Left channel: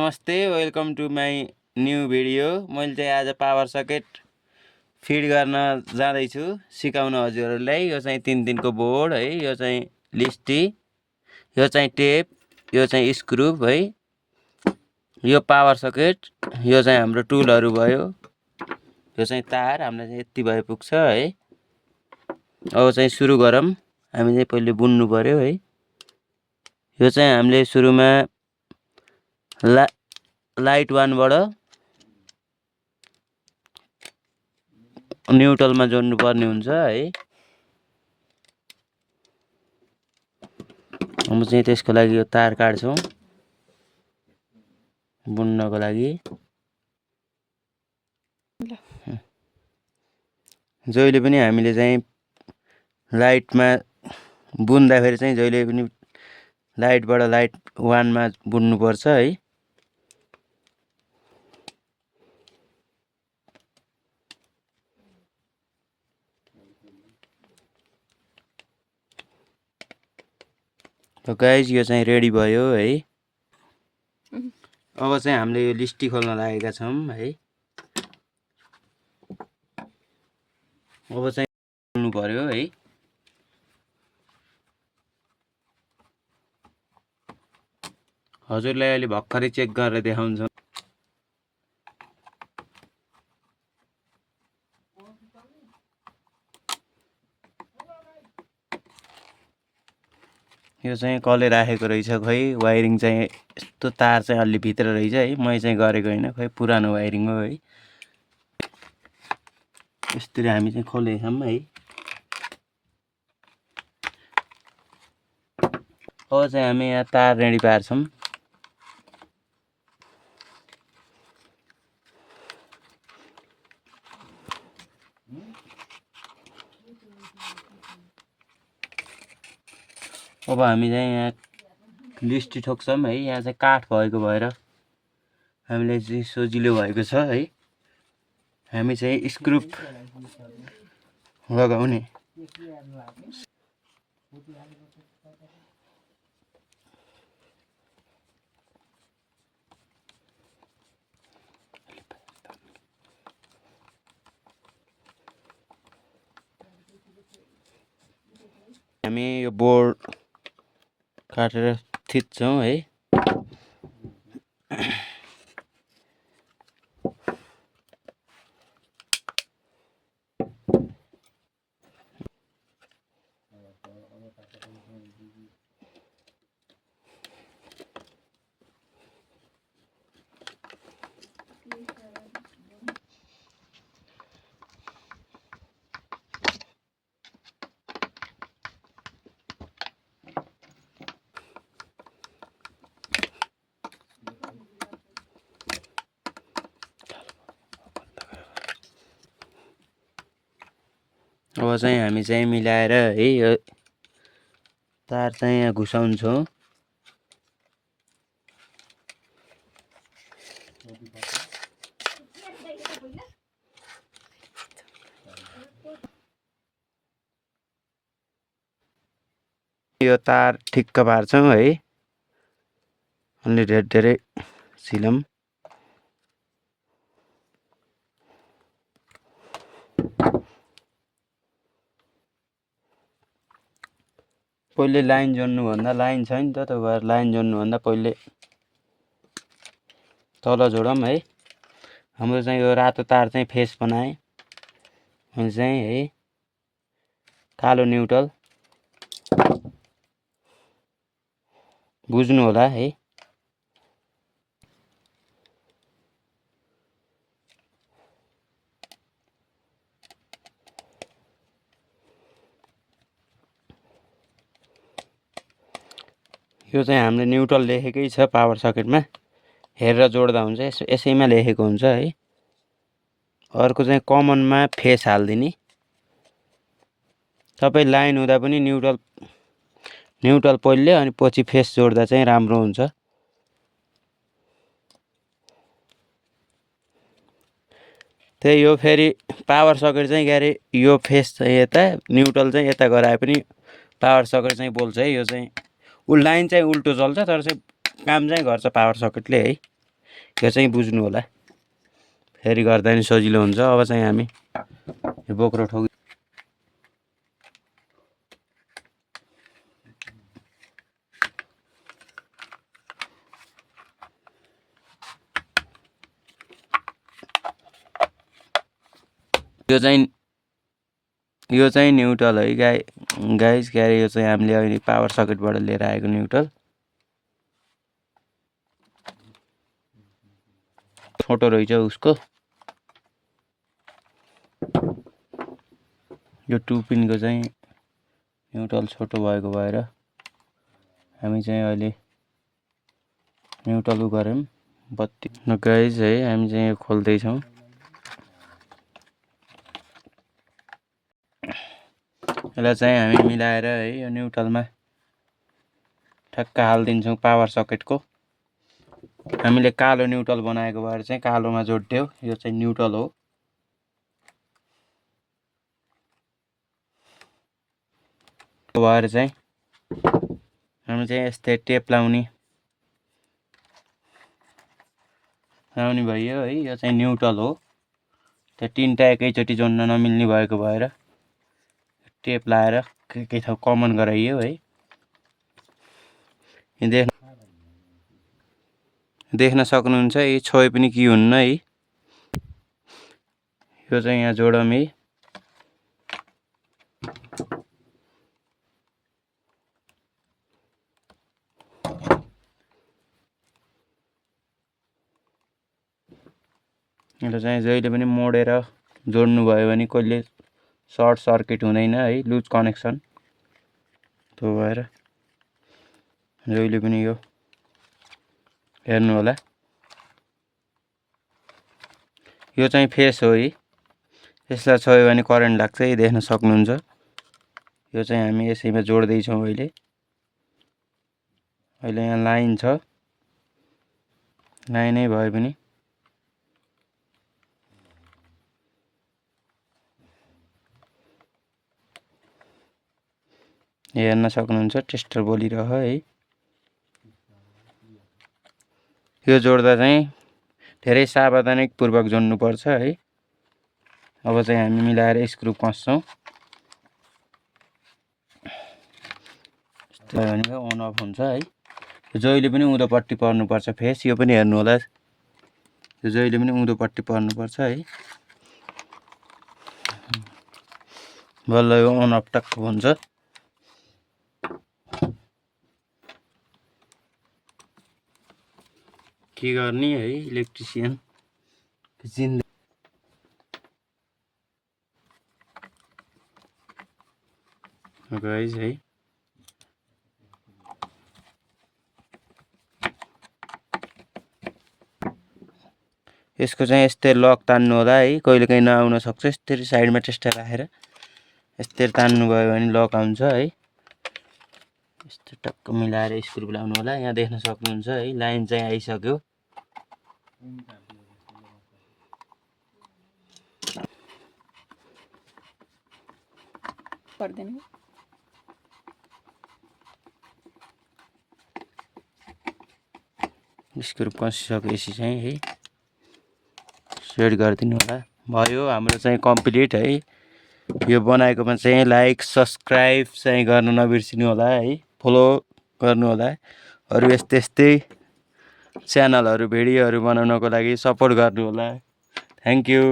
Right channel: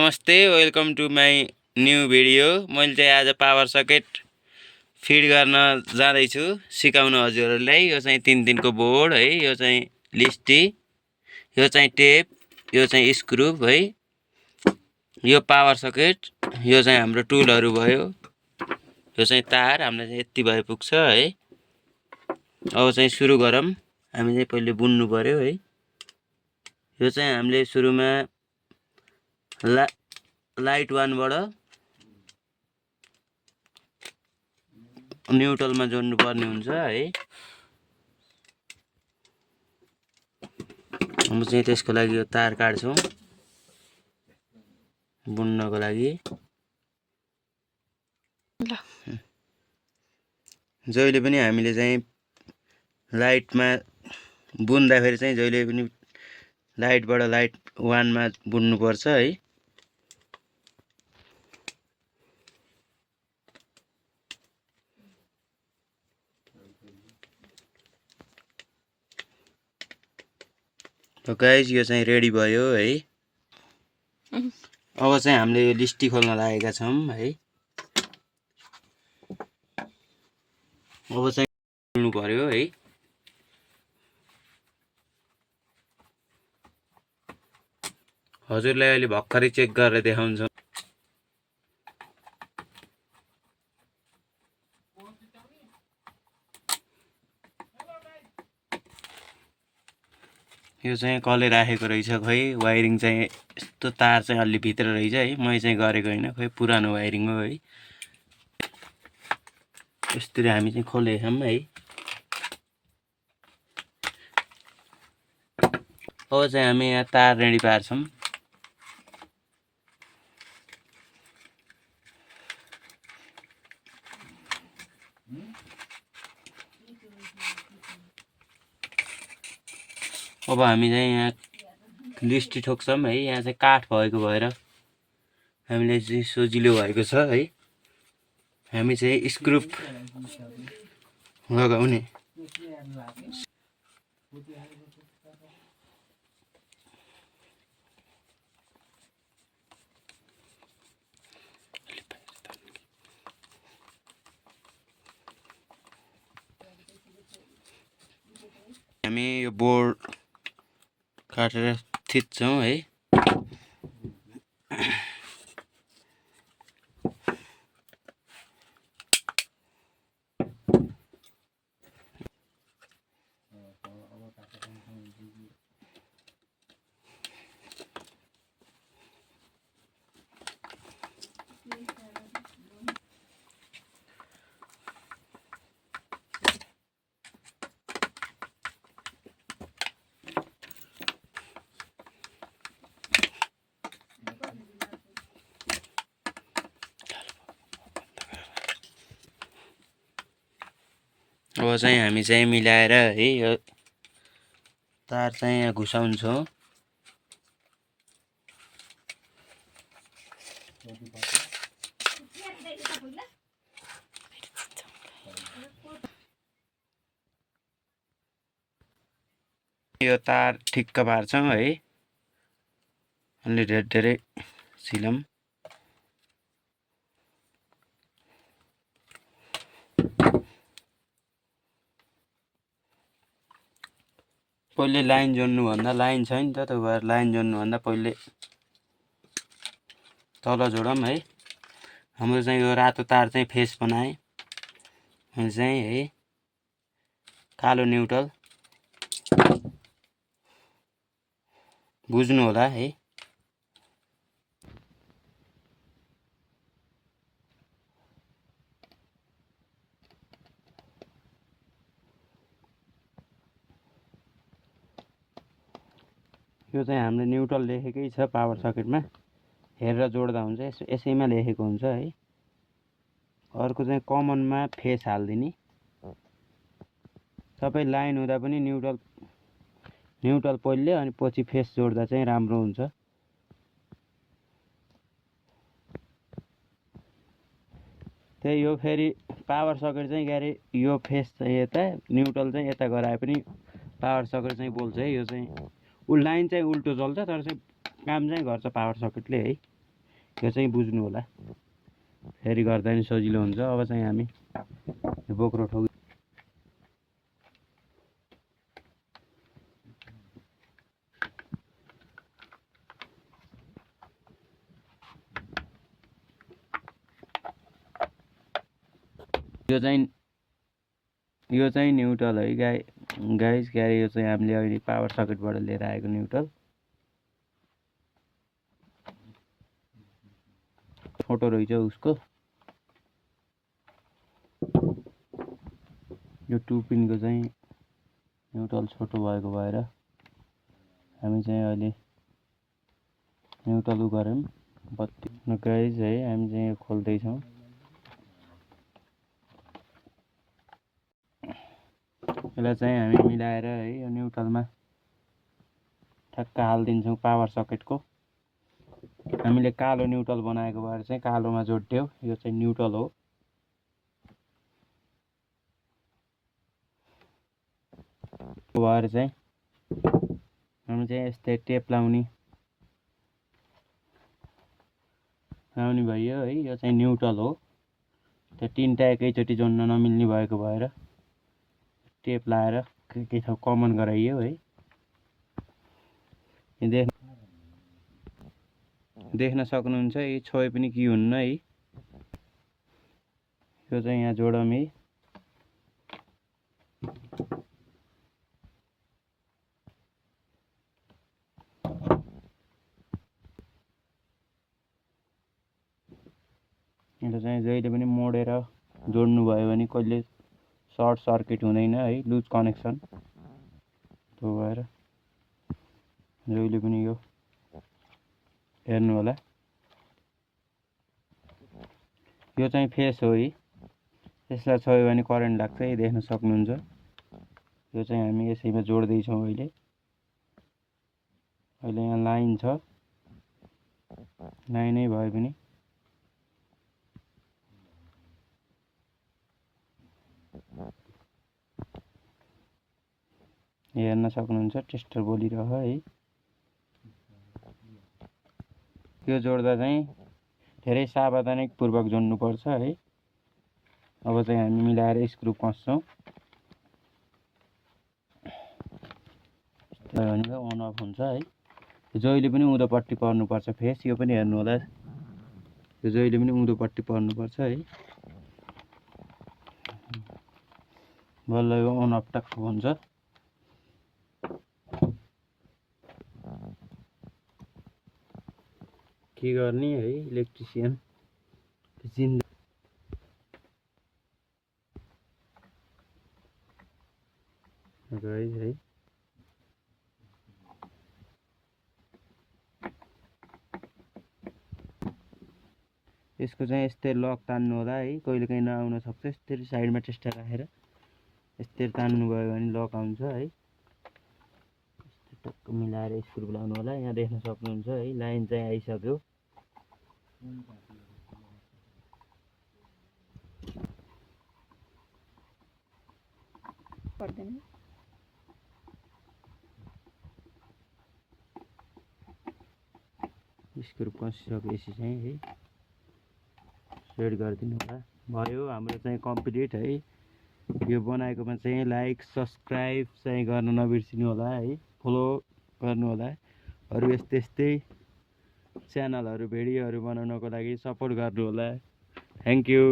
नमस्ते, welcome to my new video. मैले चाहिँ आज पावर सकेट फिड गर्न जाँदैछु सिकाउन हजुरहरूलाई। यो चाहिँ 3 दिनको बोर्ड है, यो चाहिँ लिस्टी, यो चाहिँ टेप, यो चाहिँ स्क्रु है, यो पावर सकेट, यो चाहिँ हाम्रो टुलहरू भयो, यो चाहिँ तार हामीलाई चाहिँ यति भए पुग्छ है। अब चाहिँ सुरु गरौँ। हामी चाहिँ पहिले बुन्नु पर्यो है। यो चाहिँ हामीले सुरुमा लाइट 1 बाट न्युट्रलमा जोड्नु पर्ने हुन्छ है। हम चाहिँ त्यसको लागि यो तार काट्छौँ बुन्नको लागि। जहिले पनि हामीले चाहिँ लाइटमा बुन्दाखेरि चाहिँ जहिले पनि लाइटबाट लाइट 1 मा बुन्नु पर्छ है। त गाइज यो चाहिँ रेडी भयो है। अब चाहिँ हामीले यो लिस्टी खोल्न लागेका छौं है। अब चाहिँ खोल्नु पर्यो है। हजुरलाई अहिले भर्खरै चेक गरेर देखाउँछु। यो चाहिँ कसले राखेको रहेछ खै। वायरिङ चाहिँ यस्तो तार चाहिँ अलि भित्र रहेछ है। मैले चाहिँ गरेको हैन, खै पुरानो वायरिङ हो है। यसरी हामी चाहिँ खोलेका छौं है। अब चाहिँ हामी यहाँ तार रेडी पार्छौं। अब हामी चाहिँ यहाँ लिस्टी ठोक्छौं है। यहाँ चाहिँ काठ भएको भएर हामीले चाहिँ सजिलो भएको छ है। हामी चाहिँ स्क्रु लगाउने। हामी यो बोर्ड काटेर थिच्छौं है। अब चाहिँ हामी चाहिँ मिलाएर है यो तार चाहिँ यहाँ घुसाउँछौं। यो तार ठिक्क पार्छौं है। अलि धेरै सिलम। पहिले लाइन जोड्नु भन्दा लाइन छ नि त, त्यो भएर लाइन जोड्नु भन्दा पहिले तल जोडौँ है। हाम्रो चाहिँ यो रातो तार चाहिँ फेस बनाए अनि चाहिँ है कालो न्युट्रल बुझ्नु होला है। यो चाहिँ हामीले न्युट्रल लेखेकै छ पावर सकेटमा, हेरेर जोड्दा हुन्छ। यसैमा लेखेको हुन्छ है। अर्को चाहिँ कमनमा फेस हाल्दिने। सबै लाइन हुँदा पनि न्युट्रल पहिले अनि पछि फेस जोड्दा चाहिँ राम्रो हुन्छ। त्यही हो। फेरि पावर सकेट चाहिँ गरे यो फेस चाहिँ यता, न्युट्रल चाहिँ यता गराए पनि पावर सकेट चाहिँ बोल्छ है। यो चाहिँ लाइन चाहिँ उल्टो चल्छ, तर चाहिँ काम चाहिँ गर्छ पावर सकेटले है। त्यो चाहिँ बुझ्नु होला, फेरि गर्दा नि सजिलो हुन्छ। अब चाहिँ हामी यो बोक्रो ठोक यो चाहिँ न्युट्रल है गाइस के अरे यो चाहिँ हामीले अहिले पावर सकेटबाट लिएर आएको न्युट्रल। छोटो रहेछ उसको, यो 2 पिनको चाहिँ न्युट्रल छोटो भएको भएर हामी चाहिँ अहिले न्युट्रल गऱ्यौँ बत्ती। गाइस है हामी चाहिँ यो खोल्दैछौँ। यसलाई चाहिँ हामी मिलाएर है यो न्युट्रलमा ठ्याक्क हालिदिन्छौँ पावर सकेटको। हामीले कालो न्युट्रल बनाएको भएर चाहिँ कालोमा जोड्थ्यौँ, यो चाहिँ न्युट्रल हो। भएर चाहिँ हामी चाहिँ यस्तै टेप लाउने भयो है। यो चाहिँ न्युट्रल हो, त्यो तीनटा एकैचोटि जोड्न नमिल्ने भएको भएर टेप लाएर के ठाउँ कमन गराइयो है। देख्न सक्नुहुन्छ यी छोए पनि के हुन्न है। यो चाहिँ यहाँ जोडौँ है। यो चाहिँ जहिले पनि मोडेर जोड्नु भयो भने कहिले सर्ट सर्किट हुँदैन है, लुज कनेक्सन। त्यो भएर जहिले पनि यो हेर्नु होला। यो चाहिँ फेस हो है, यसलाई छोयो भने करेन्ट लाग्छ है, देख्न सक्नुहुन्छ। यो चाहिँ हामी यसैमा जोड्दैछौँ अहिले यहाँ लाइन छ, लाइनै भए पनि हेर्न सक्नुहुन्छ टेस्टर बोलिरह है। यो जोड्दा चाहिँ धेरै सावधानीपूर्वक जोड्नुपर्छ है। अब चाहिँ हामी मिलाएर स्क्रु कस्छौँ। भनेको अन अफ हुन्छ है। जहिले पनि उँधोपट्टि पर्नुपर्छ फेस, यो पनि हेर्नु होला, यो जहिले पनि उँधोपट्टि पर्नुपर्छ है। बल्ल यो अन अफ टक्क हुन्छ। के गर्ने है इलेक्ट्रिसियन जिन्दा। गाइस है यसको चाहिँ यस्तै लक तान्नु होला है, कहिलेकाहीँ नआउन सक्छ। यस्तरी साइडमा टेस्टर राखेर यस्तरी तान्नु भयो भने लक आउँछ है। यस्तो टक्क मिलाएर स्क्रु लाउनु होला। यहाँ देख्न सक्नुहुन्छ है लाइन चाहिँ आइसक्यो। पर्दैन स्क्रु कसिसकेपछि चाहिँ है सेट गरिदिनु होला। भयो हाम्रो चाहिँ कम्प्लिट है। यो बनाएकोमा चाहिँ लाइक सब्सक्राइब चाहिँ गर्न नबिर्सिनु होला है, फलो गर्नु होला। अरू यस्तै च्यानलहरू भिडियोहरू बनाउनको लागि सपोर्ट गर्नु होला। Thank you.